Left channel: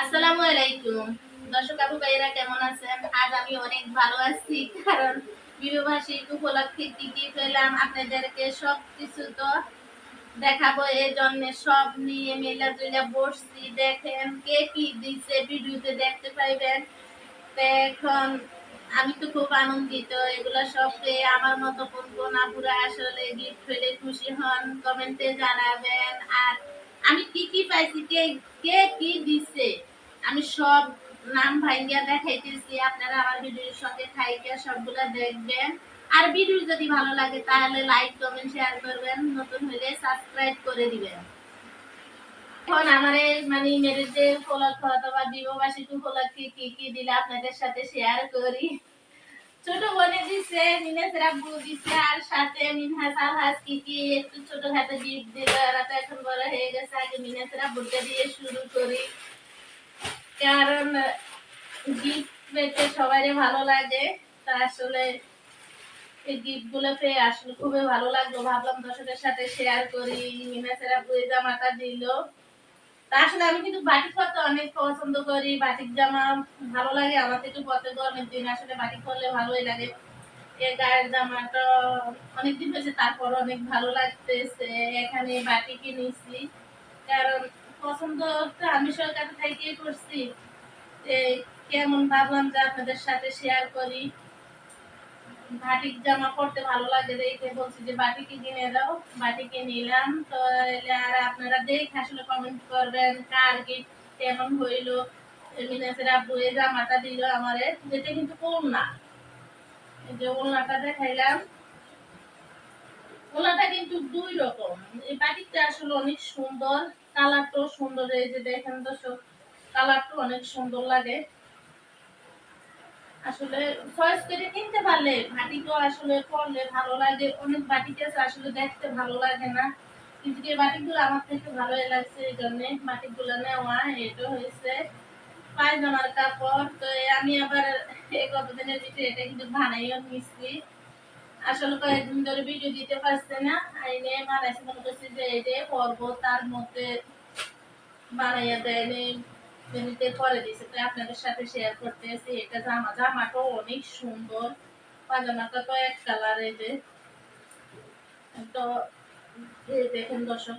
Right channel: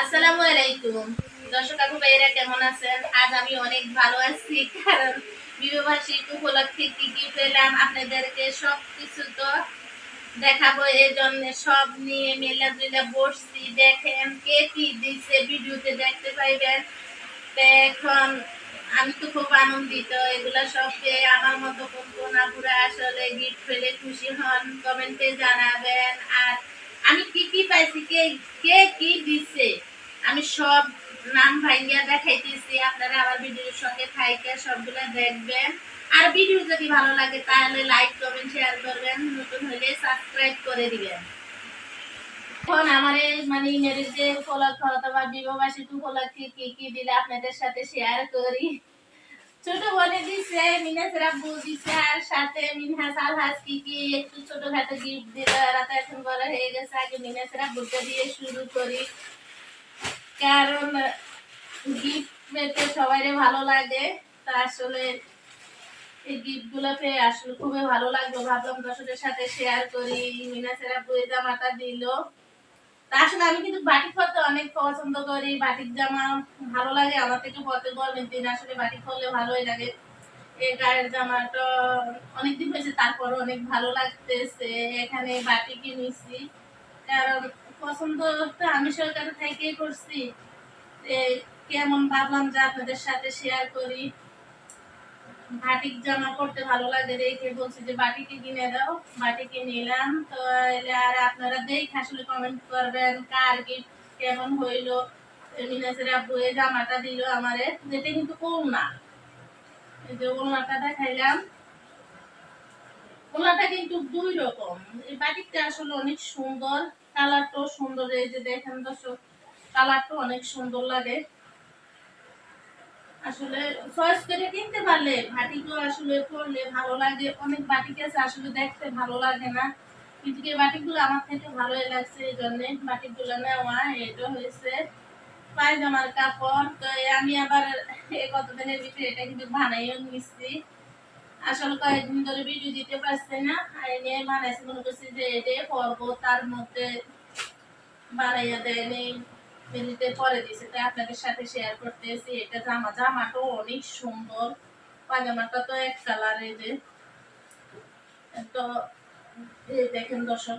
আসসালামু আলাইকুম। দর্শক আপু ভাইয়েরা, কেমন আছেন? আজ আমি অনেক ভালো আছি, কারণ বিবাহবার্ষিক উপলক্ষে কি কি পেলাম আপনাদেরকে সব কিছু তো দেখাবো। এই জন্য সব নিয়ে মেলা জুলা বসছি। দেখেন কে কি দিচ্ছে ভিডিওতে দেখতে পাইবেন। এখন আমি তো খুব আনন্দিত, এগুলা সব পেয়ে আমার মতো কোন কোন আপুরা আসলে গিফট পেলে খুশি হন। কমেন্টে জানাবেন। আর আমি কি কি পাইছি, কে কে কি দিছে? আমি সব নাম ভাইয়া দেখাইতেছি, আপনারা আমার ভিডিওর সঙ্গে থাইকে সবগুলা দেখবেন। আর ভিডিও যদি ভালো লাগে তাহলে লাইক করবেন শেয়ার করবেন, নতুন হলে সাবস্ক্রাইব করে দিবেন। এখন আমার মানে ম্যারেজে উপলক্ষ অথবা বিবাহবার্ষিক উপলক্ষে কি কি দিলে আপনাদের সাথে শেয়ার করি। ছোট বোনে দিছে দিছে, আর সাথে মিনহাস কি কি একটু গিফট দিল এখন বড় হয়ে গেছে, আগে দিয়ে শুরু করি। কারণ গিফট পেতে ভালো লাগে, তা আসলে এই গিফটগুলো পেয়ে আসলে খুবই ভালো লাগল। ভাবলাম দর্শকের সাথে শেয়ার করি। মিনাসের আব্বু এই জামাটা দিল। তা আসলে আমি কিন্তু বাটিক পরতে অনেক পছন্দ করি, বাটিক জামা ভালো লাগে, আমার থেকে পরতে গরমের দিন আসলে বাটিক পরলে ভালোই লাগে। এই গায়ের জামাটা অনেকদিন হয়েছে তারপর অনেক ভালো লাগতেছে, এখানে বাটিকে নিছি কারণ পছন্দ তো আমি সরকার থেকেই করছি। কেমন ভাবলাম যে আপনাদের সাথে শেয়ার করি। বাটিক জামা পরতে ভালো লাগে দেখে বলছি যে বাটিকে কিনে দাও, বাটিকে নিলাম। তো আর আপনারা দেখে আসলে কমেন্ট করবেন কার গিফট কেমন হইল। মিনাসের আব্বু এই জামাটা দিল আমারে, যেটা কিন্তু ওলনা। এই যে ওলনাটা দেখাইলাম। ওলনাটা কিন্তু দুই রকম। এই বাটিকটা আসলে অনেক সুন্দর, কালারটাও সুন্দর। এই যে দেখেন দর্শক, কালারটা অনেক সুন্দর লাগে। আসলে চয়েস করে কিনতে পারলে বাটিকও আসলে পরলে ভালো লাগে, অনেক বাটিক আছে আসলে দেখতে ভালো লাগে না। কিন্তু এই বাটিকগুলো আমার থেকে ভালোই লাগছে এই জন্য বাটিকগুলো নেওয়া, এটা হয়েছে পায়জামার কাপড়। তো আমি আবার এই কতদিনের ভিতরে এটা কিন্তু বানাইও নিচ্ছি আসলে কয়েকদিন ধরে ভিডিও দিতে পারছে না আর নিয়ে মনে করছি যে এটা পরবো, তার মধ্যে বানাইয়া দেয়নি মিনিটে পরে দিয়েছে, তাই আপনাদের সাথে শেয়ার করতেছি। এটা জামা জামাটাও অনেক সুন্দর। পাজামাটা তো এক কালার এই যে। তো এই দেখেন দর্শক,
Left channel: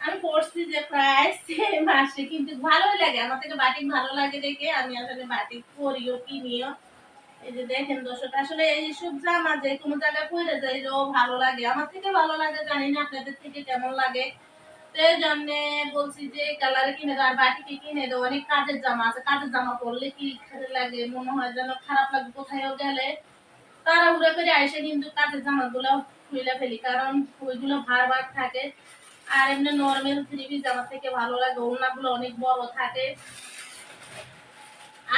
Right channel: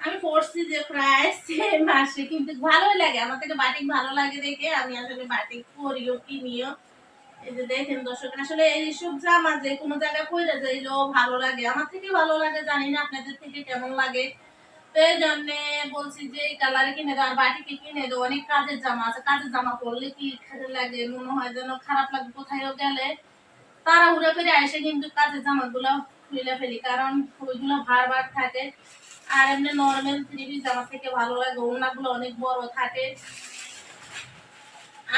আমি পড়ছি যে প্রায় সেম মাসে, কিন্তু ভালোই লাগে। আমার থেকে বাটিক ভালো লাগে দেখে। আমি আসলে বাটিক পরিও, কিনিও। এই যে দেখেন দর্শক, আসলে এইসব জামা যে কোনো জায়গায় পরে যাইলেও ভালো লাগে। আমার থেকে ভালো লাগে, জানি না আপনাদের থেকে কেমন লাগে। জন্য বলছি যে কালারে কিনে দাও, আর বাটিকে কিনে দাও, অনেক কাজের জামা আছে। কাজের জামা পরলে কি খারাপ লাগে, মনে হয় যেন খারাপ লাগে, কোথায়ও গেলে। তারা উড়ে করে এসে কিন্তু কাজের জামাগুলো খুলে ফেলি, কারণ ওইগুলো ভার ভার থাকে। আর এমনি নর্মাল থ্রি পিস জামা থেকে ভালো লাগে ওনাগুলো অনেক বড় থাকে।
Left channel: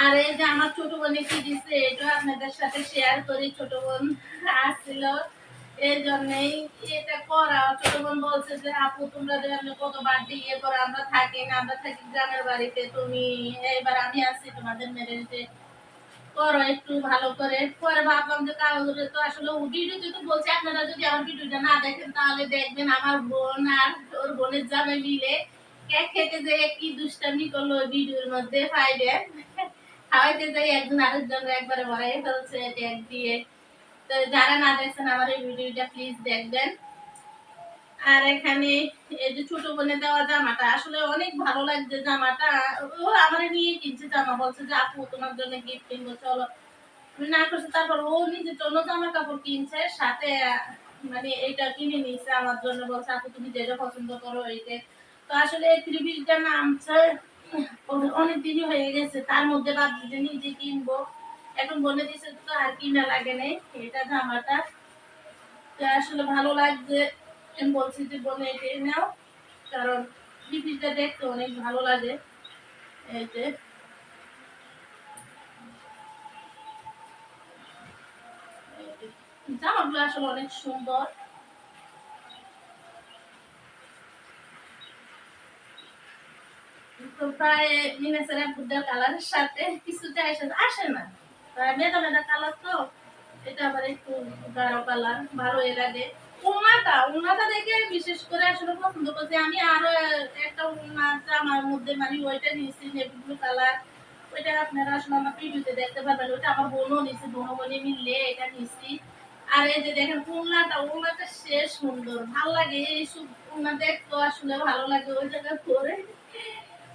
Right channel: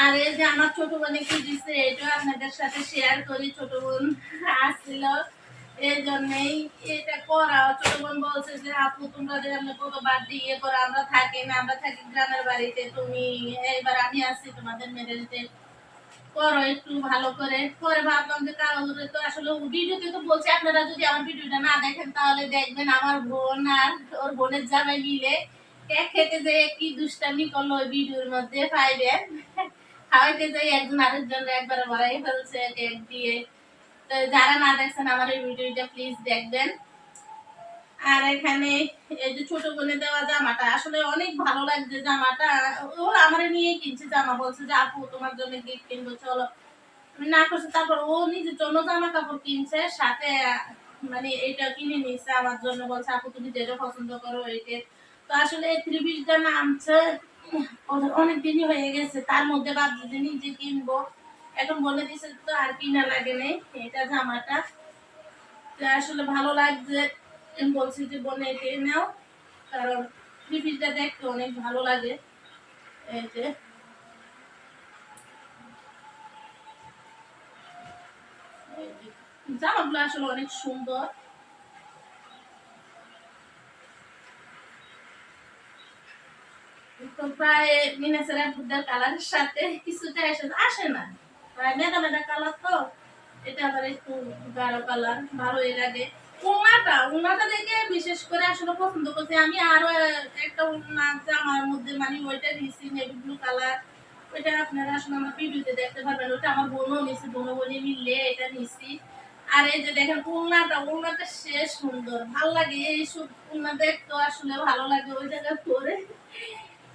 আর এই যে আমার ছোট বোনে কি দিছে এটা আপনাদের সাথে শেয়ার করি, ছোট বোন আসছিল। এই জন্যই এটা করা। বলছে যে, আপু, তোমরা যে কতবার দিয়ে আমরা থাকি না, আমরা থাকি গ্রামের বাড়িতে। তুমি এইবার আমি আসছি তোমাদের করো একটু ভালো করে। পরে ভাবলাম যে তো আসলে ভিডিওতে তো বলছি, আপনারা যদি আমার ভিডিওটা না দেখেন, তাহলে দেখবেন আমার বোন আর ওর বোনের জামাই মিলে কেক খেতে যে কি দুষ্টামি করল ওই ভিডিওর মধ্যে পাইবেন খাওয়াইতে যাই একজন আরেকজন একবারে ভরাই ফেলছে কেক দিয়ে। যারা না দেখছেন আমার এই ভিডিওটা প্লিজ দেখবেন। আর এখানে এই যে ছোট বোনে দেওয়া জামাটা, আসলে অনেক ভালো লাগছে জামাটা। ও আমার নিয়ে কিনছে জামা, বলছে যে, আপু, তোমার জন্য গিফট কিনবো, চলো। না করছি তারপর ও নিজের জন্য জামা কাপড় কিনছে, সাথে মানে এটা কিনে নিয়েছে আমার জন্য, বলছে, আপু, তুমি যেটা পছন্দ করো এইটা। তো আসলে ত্রিবিশটা নামছে, অনেক দিনই হয়ে গেছে, তার মধ্যে ভাবছি যে নিজে কিনবো। এখন বলে দিছে তো আর কিনা লাগে নেই, এটা জামাটা। তো আসলে ভালো লাগছে বলছি যে বোনে এটাই নাও, কারণ ত্রিপিসটা দেখতে অনেক ভালো লাগে। এই যে। জামাগুলো আসলে অনেক সুন্দর। তো প্রায় মিনাসের বুদ্ধার কালারের সাথে কিছুটা এসে আসে না। মেদা মেদা কালার তো, এটা আবার একটু গাঢ় কালার, ভালোই লাগে। উন্নাটা উন্নাটা দেখে বিশেষ করে আসলে পছন্দ করছি। আমি আরও একটা উন্না জামার মধ্যে মানে ওইটা নিয়েছি নেভি ব্লু কালার ওইটা আপনারা আসলে আমার ভিডিওতে দেখতে পারবেন। ওইটা আমার বোনও নিয়েছি, বোনও বোনে মিললে এটা নিয়েছি। আর এই যে দেখেন উন্নাটা উন্নাটা সে সুন্দর, ভালো লাগে। এইসব উন্না দেখতে আসলে ভালো লাগে। ওই জায়গায় পরে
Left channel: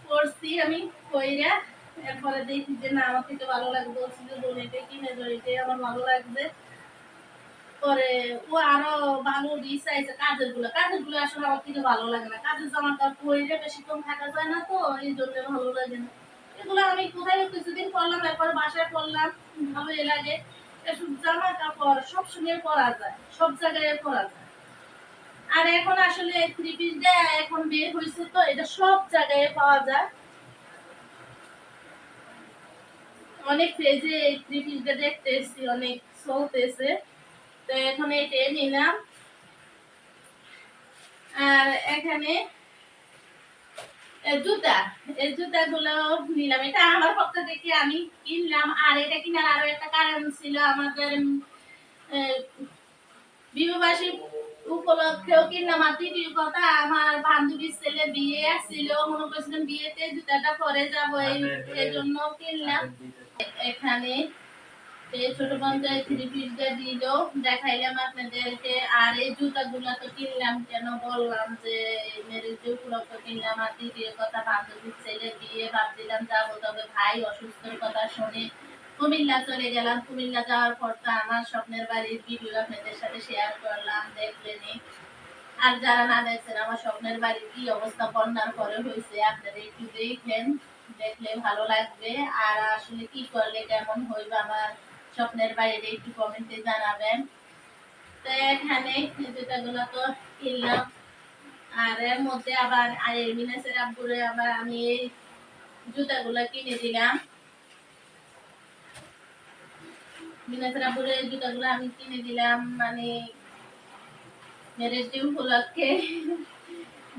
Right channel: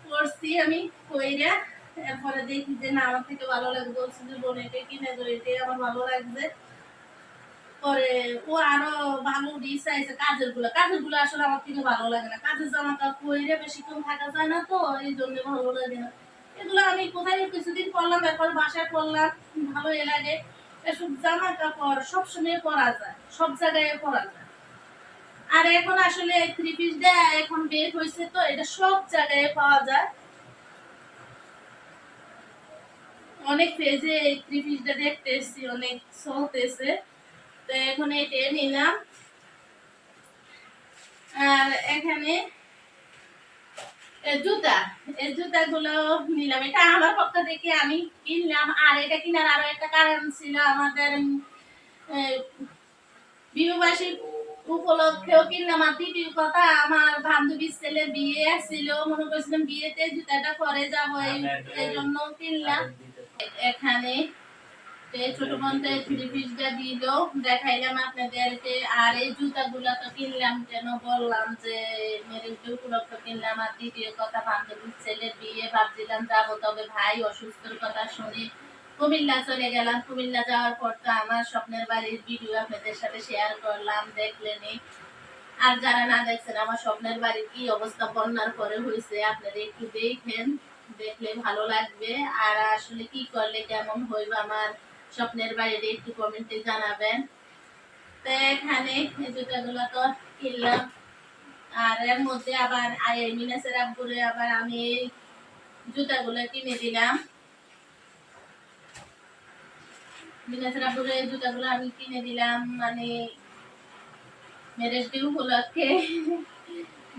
করছি আমি কইরা এরপরে দেখি যে না, আমার থেকে ভালো লাগবে যে, বোন, এটা কিনে দেবো এটাই আমার ভালো লাগবে পরে ও আরও ভালো ডিস আইছে কাজেরগুলো। কাজেরগুলো আসলে আমার থেকে ভালো লাগে না। কাজের জামা কাপড় পরে বেশিক্ষণ থাকা যায় না তো, এই জন্য ভালো লাগে না। এগুলো আমি কোথায় কিছুদিন পরলাম তারপরে বাসায় পরলাম, ভালোই লাগে। এসব জামা কাপড় সবসময় পরা যায়, সব জায়গায় পরা যায়। আর এখন আসলে থ্রি পিসটা এখন বের হয়েছে তো, এটা সব জায়গায় পাওয়া যায়। অনেক পেজে এই থ্রি দেখতে এসছি, অনেক চলতেছে তো এখন এটা নিলাম। আর এখানে জুতা, এই জুতাগুলো নিলাম। এটা আমার পক্ষ থেকে আমি কিনলাম, আর এটা কিনার আরও একটা কারণ ছিল আমাদের বিবাহবাসী উপলক্ষেও কিনলাম। আর দ্বিতীয় কথা আমার বান্ধবীর ছেলে বিয়ে আসছিল মনে করছিলাম বিয়েতে জুতাটা পরে যাব এই এই জন্য কিনলাম। এখানে ছোট থ্রি পিসটা দিল দেখাইলাম আপনাদেরকে। আর এই জুতাগুলো তো কিনলাম কেন বললাম যে মেরেজ উপলক্ষে কিনলাম। আর দ্বিতীয় কথা বান্ধবীর ছেলে বিয়ে ভাবছিলাম যাব তবে ভাই অসুস্থর কথা শুনে কুমিল্লা চলে গেলাম। কুমিল্লা যাওয়ার পর তো আমার স্বপ্নের বাড়ির ভিডিও আপনাদের সাথে শেয়ার করলাম, দেখলেনি আর যারা না দেখছেন, আমার স্বপ্নের বাড়ির কি অবস্থা, বন্যার পরে হয়েছে আপনারা একটু দেখেন, দেখলে ভালো লাগবে। আর আসলে কি করলে, কেমন হইবে আমার স্বপ্নের বাড়িতে একটু কমেন্টে জানাবেন। তো এখানে জুতাগুলো তো কিনলাম। আর এর মধ্যে আবার মিনাসের আব্বুরে আবার আমি এই জুতাগুলো কিনে দিলাম। মিনাসের আব্বুরে জুতাগুলো আমি কিনে দিলাম মানে ম্যারেজ ডে উপলক্ষে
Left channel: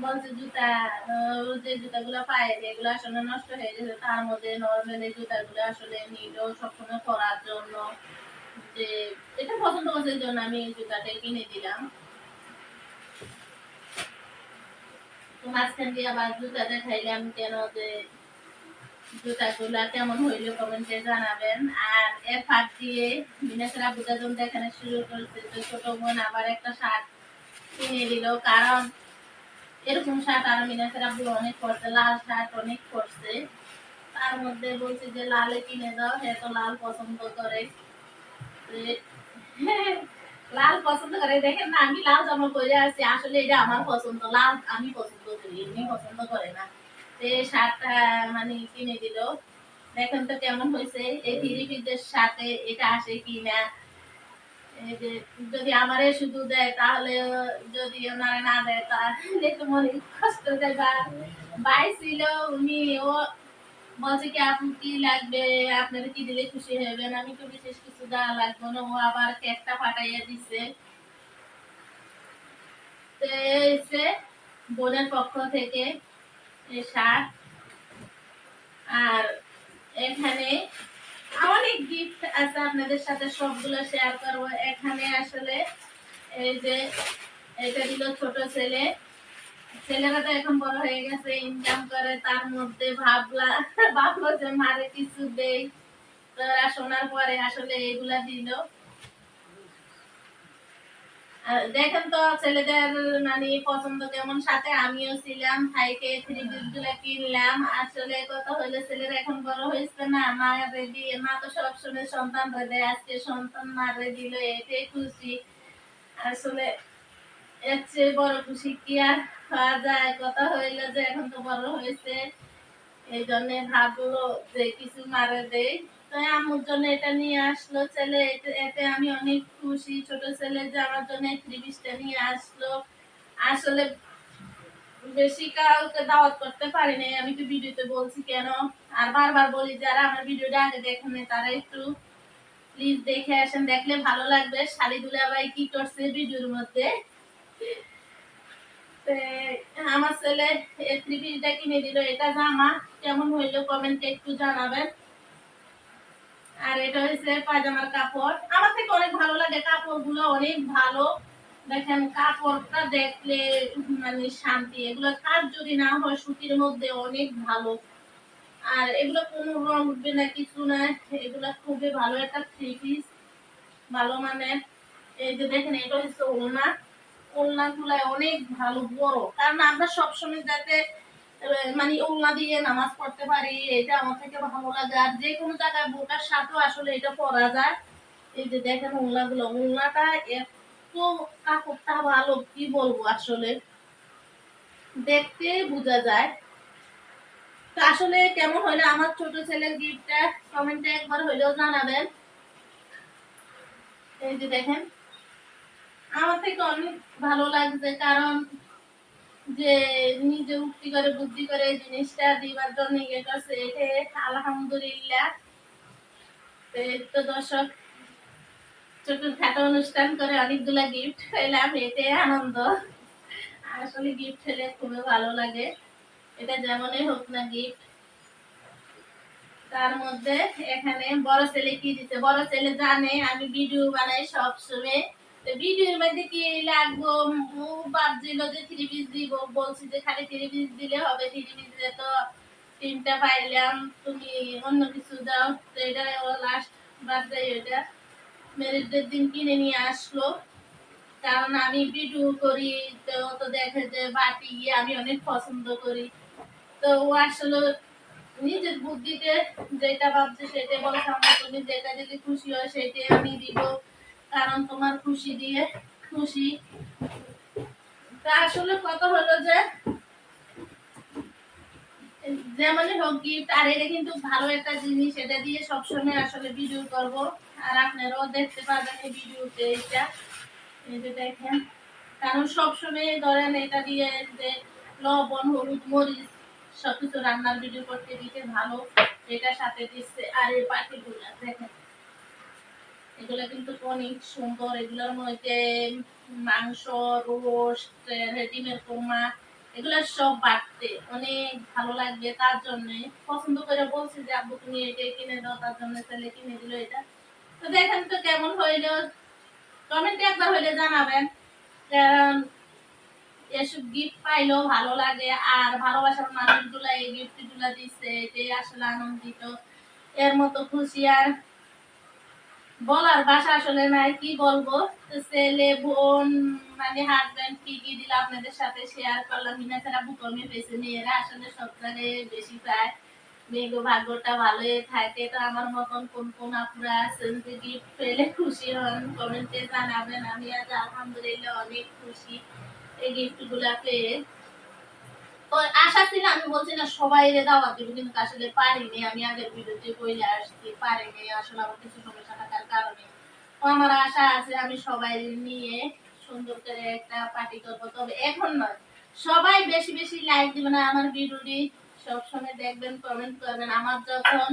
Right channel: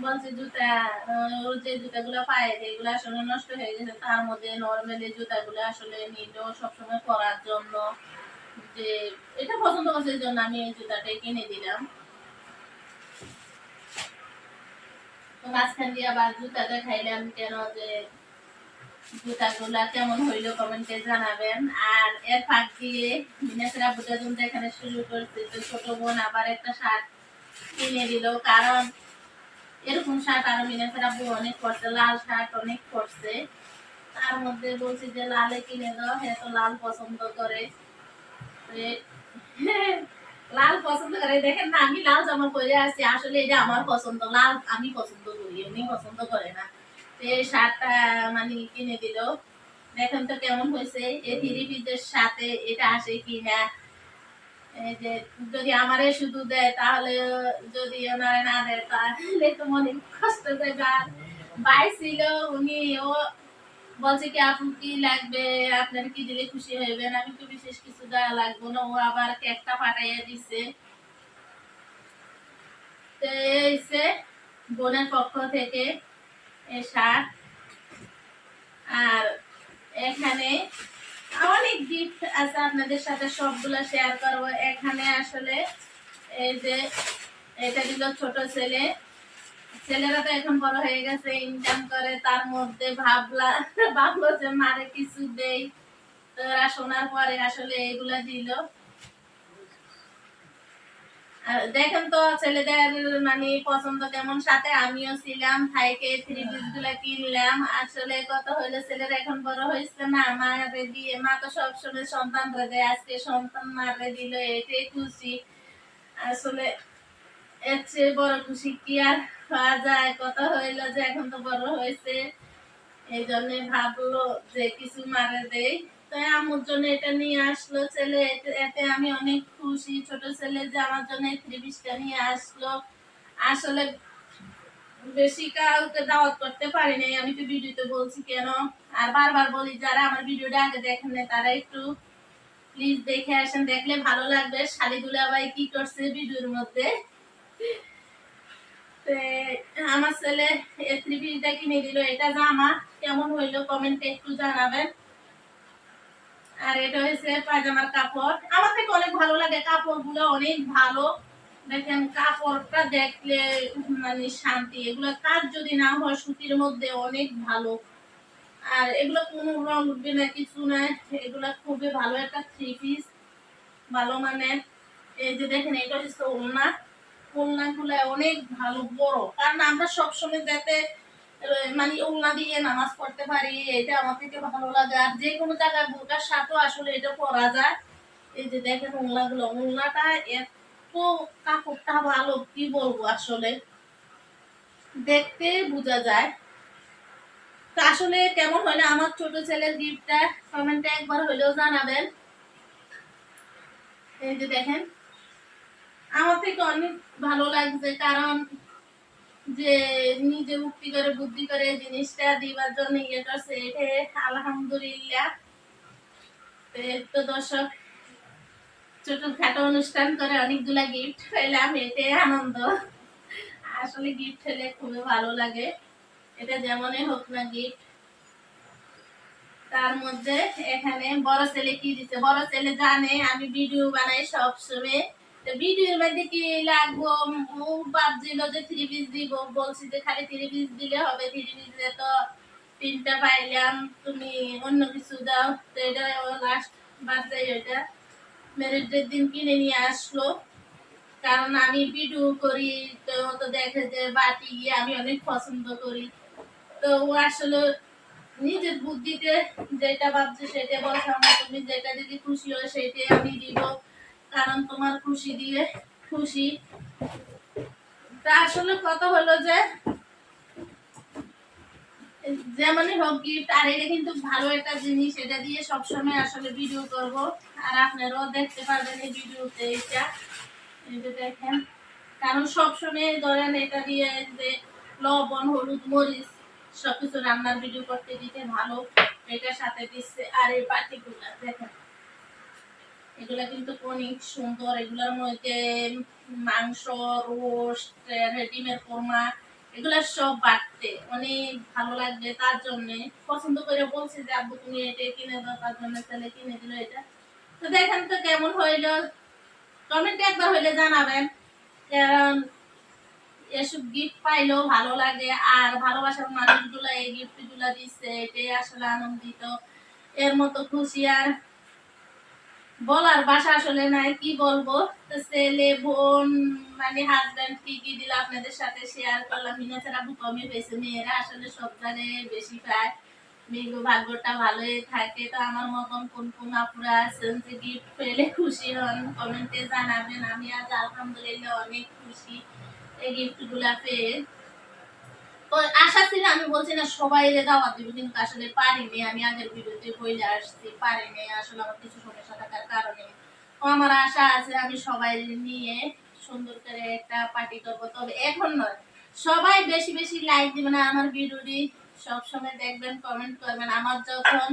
বলছে জুতা যে জুতাগুলো পায় এগুলো আসলে নষ্ট হয়ে গেছে, তার মধ্যে নর্মাল জুতাগুলো আসলে নিল সবসময় পরার জন্য। যে এটা পছন্দ করছে জন্য আমি এই জুতাটাই কিনে দিলাম। তো মাঝখান দিয়ে আবার জুতা দেখাইলাম কেন যে জুতাগুলা কেমন হইল কমেন্টে জানাবেন। আর এর ফাঁক দিয়ে দেখানো শুরু করছে তো ছোট বোন আবার একটা শার্ট কিনে দিল। কারণ এরকম শার্ট আব্বু অনেক লাল শার্ট অনেক তার মধ্যে বলছি যে, লালে কিনে দাও তো লাল পছন্দ করে। লাল পছন্দ করে। দেখেন না, আমি লাল জামা পরে আসছি আসলে এটা আমার পছন্দ। লাল আমি পছন্দ করি, এমনি পছন্দ করে না। মানে কিনে দিল। দেখেন তো কেমন হয়েছে? এই সাথে এটা আসে যদি আমারে শুধু দেয়, তাহলে যদি না দেয়, তাহলে তো মনে কষ্ট ভাই ছিল, উনি ও বলছে কি আপনি কি লাগবে? আপনার কি দিলে খুশি হবেন আমি তো বিশেষ কিছু দেওয়া লাগবে না। ও আবার কেকটা পাঠাইয়া দিছে। তো বোনের পক্ষ থেকে। শার্ট আর এখানে অনেক গিফট আছে আপনাদের সাথে, সবগুলো শেয়ার করব। এখানে আসলে এই যে এটা দিল ছোট ছেলে। ছেলেরা তো এখন বড় হয়ে গেছে ইনকাম করে, তার মধ্যে ভাবলা, ভাবলো যে মারে কিছু দেই। তো ওরা শোনার পরে আসলে এগুলা দিল। দেখেন তো ছেলেদের মানে পছন্দ কেমন, সাথে আমিও ছিলাম, ভাইকে থ্রি পিসগুলা কিনলাম। আসলে কথা হইল, ছেলেরা এখন বড় হয়েছে না, মারে দিয়ে, মা তো সবসময় সন্তান রে দেয়, আজকে সন্তান মারে দিল এটাই খুশি। আসলে এর চেয়ে বড় খুশি কি আর হওয়া যায়? কথা হইল যে এখন তো বড় হয়েছে, এই জন্য ভাবলো যে কিছু মারে দেই। তো আমার জন্য এটা নিয়ে আসলো ছেলে। এতে- আমি অনেক খুশি। ছোট ছেলে যে আমার জন্য নিয়ে আসলো। আসলে বেশি কাউকে দাওয়াত করতে পারি নাই। আমি তো ভিডিওতে বলছি কেন? আর বারবার বলি, যারা আমার ভিডিওটা আগে দেখেন নাই, তারা একটু প্লিজ দেখে আসেন। দেখলে ভালো লাগবে। শালি দুলাভাই কি করছে ভিডিওর মধ্যে? আমার ছেলে এই থ্রি কিনে দিল। এটা জামা কেমন হইল কমেন্টে একটু জানাবেন। আর এটা হচ্ছে পায়জামার কাপড়। আমার থেকে অনেক ভালো লাগে কাপড়গুলো, অনেক ভালো। দেখেন, কাপড়টা দেখলে মানে শান্তি। এগুলো কাজ যদি না হয়, সুতির মধ্যে অনেক ভালো। আর এগুলো কোনো রং উঠবে না, কিছু না। এগুলো খুবই ভালো একটা থ্রি পিস ভালো মানে এই যে দেখেন, এটা হচ্ছে ওলনা ওলনা গুলা অনেক ভালো, বড়। কারণ আমরা সবসময় যাতে মানে ওলনা দিয়ে নামাজ পড়তে পারি, এটা আমার থেকে ভালো লাগে। আর যে কোনো জায়গায় বোরকার সাথেও আসলে এটা পরা যায়। এই যে দেখেন ওলনা গুলো ওলনাটা এত কাপড়টা ভালো, কি বলব আসলে? দেখতে বোঝা যায়। তো আসলে কেমন হইল আমার ছোট ছেলের গিফটটা? কমেন্টে একবার হইলেও জানাবেন। এই যে দেখেন, আমার থেকে অনেক ভালো লাগছে, কারণ যে নিজে উক্তি করে, বুদ্ধি করে জিনিসটা দিবার জন্য ইয়ে করছে, এটা আলহামদুলিল্লাহ। তো দর্শক ছোটখাটো অনুষ্ঠান করে অনেকগুলা গিফট পেলাম এটাই আনন্দ। আসলে গিফট হলে খুবই ভালো লাগে। এটা যেমনই হোক না গিফট তার মধ্যে এখানে বড় ছেলে কি দিছে? বড় ছেলে জানে, আমি ভিডিও বানাই সব সময় ভিডিওর মধ্যে কি লাগবো? ভাবছিল যে থ্রি পিস দিব। বলছি যে খালি থ্রি পিস দিলে হবে। থ্রি তো তিনটা পাইলাম। তুমি অন্য কিছু দাও। তো এটা লাস্ট বার্থডে ওইটা। ম্যারেজ ডের দিন কিনে নিয়ে আসলো। কারণ আমি ভিডিও করি, তো ও তো দেখে যে বাটি গিয়ে আমি অনেক পছন্দ করি। তো ও আসলে নিজের বুদ্ধিতে যেটা ভাবছে সেটা বলছে, আমার তুমি যেটা দিলে খুশি হয়, সেটাই আমি দিব। কারণ তোমার খুশি দিয়ে খুশি। তা আসলে কথা হলো যে, যেমনই হোক গিফট আর এটা কিন্তু ভালো একটা জিনিস এটা দিয়ে সবসময় আসলে ভিডিও করব। আর আপনারাও দেখতে পারবেন এই ভিডিওতে এটা। দেখেন, কারণ সবসময় ধরেন এটা দিয়ে যে লবণ, হলুদ, মরিচ সবকিছু রান্নার ভিডিও করতে দিতে ভালো, এটার সাথে দিচ্ছে আর এই পাটিগুলা, দেখেন। এগুলা কিন্তু অনেক সুন্দর, এগুলোর মধ্যে মাংস, রোস্ট ডিমের কোরমা, এগুলা সব বাড়তে, অনেক ভালো লাগবে তার জন্য। পছন্দ করে বলছি যে, আব্বু, তুমি এটা কিনে দাও, তার জন্য ছেলে কিনে দিল এটা। তো দেখেন তো কেমন হইল। কমেন্টে একবার হইলে জানাবেন, কারণ এসব গিফট পাইলেও ভালো লাগে, আর ভালোবাসার মানুষগুলা এই গিফটগুলা দিচ্ছে এটাই আসলে আনন্দিত, এর মতো খুশি আর বলার ভাষা আসলে নাই, কি বলব? ছেলে, বোন মানে হাজবেন্ড কি কি দিল আপনাদের সাথে শেয়ার করলাম। মিনা ছাড়া কমে পেয়েছে মেয়েরা আসলে সব বেশি পায়। মেয়েগো ভাগ্যটা ভালোই থাকে। তো আমার মতন কোন কোন আপুরা আছেন যে গিফট পেলে খুশি হন কমেন্টে জানাবেন। আমি আজ আলহামদুলিল্লাহ অনেক খুশি। এই গিফটগুলা পেয়ে আশা ছিল, আমি বলছি, না, সবাই রে দাওয়াত দিব। কিন্তু আসলে পারিনি। আমি আগের ভিডিওতে বইলে আসছি, পারিনি। আসলে আমার কিছু সমস্যা থাকার কারণে। আমার আশা আছে, আমি সবাই নিয়ে সুন্দর করে একটা পার্টি করব। তবে এখন নয়, সবাই বেশি বেশি লাইক দিবেন আমার ভিডিওটি। সবসময় দেখবেন কমেন্ট করবেন। আমার যখন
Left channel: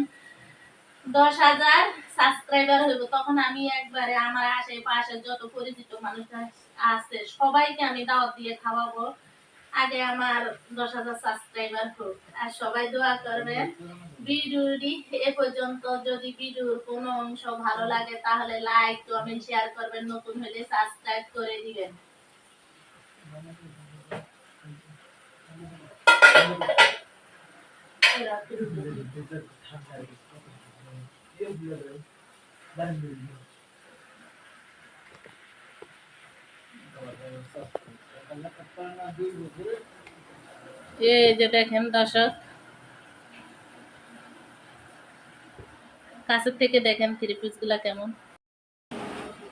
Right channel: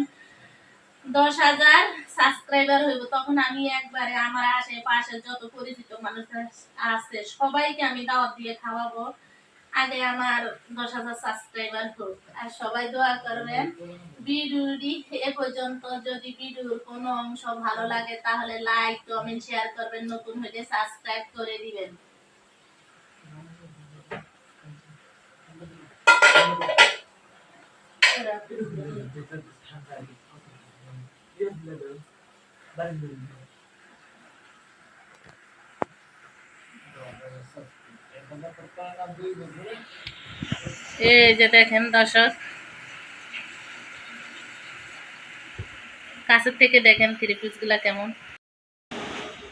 দশ হাজার সাবস্ক্রাইবার হইব, তখন আমি একবারে আমার আশেপাশে যত পরিচিত মানুষ আছে, সবাইকে আমি দাওয়াত দিয়ে খাওয়াবো। আগে আমার দশ হাজার সাবস্ক্রাইবার হোক। আর সবাই দোয়া করবেন, ভিডিওটি এ পর্যন্ত যদি ভিডিওর কোনো অংশ ভালো লাগে, তাহলে লাইক কমেন্ট শেয়ার করবেন, নতুন হলে সাবস্ক্রাইব করে দিবেন। এই যে দেখেন দর্শক। কাছের থেকে দেখেন থ্রি পিসগুলা কেমন।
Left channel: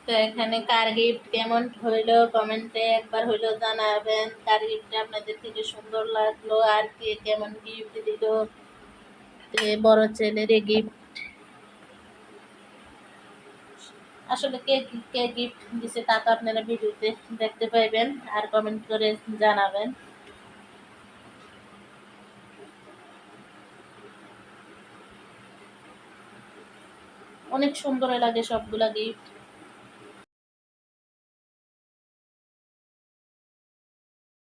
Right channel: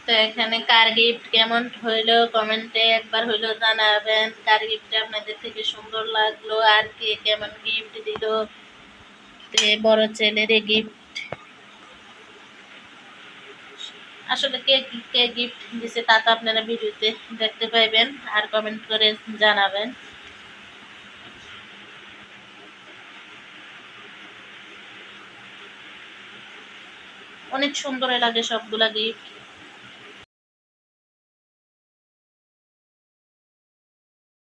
তো এখানে কার গিফট কেমন হইল কমেন্টে একবার হইল জানাবেন। কার গিফট আপনাদের থেকে সুন্দর লাগল, আর কে কেমন গিফট দিল। বড় ছেলের গিফট আসলে কে কে গিফট দিছে তা তো আপনারা ভিডিওতে দেখতে পাইবেন আর কমেন্ট করে জানাবেন। অনেক সুন্দর লাগে সবগুলা গিফট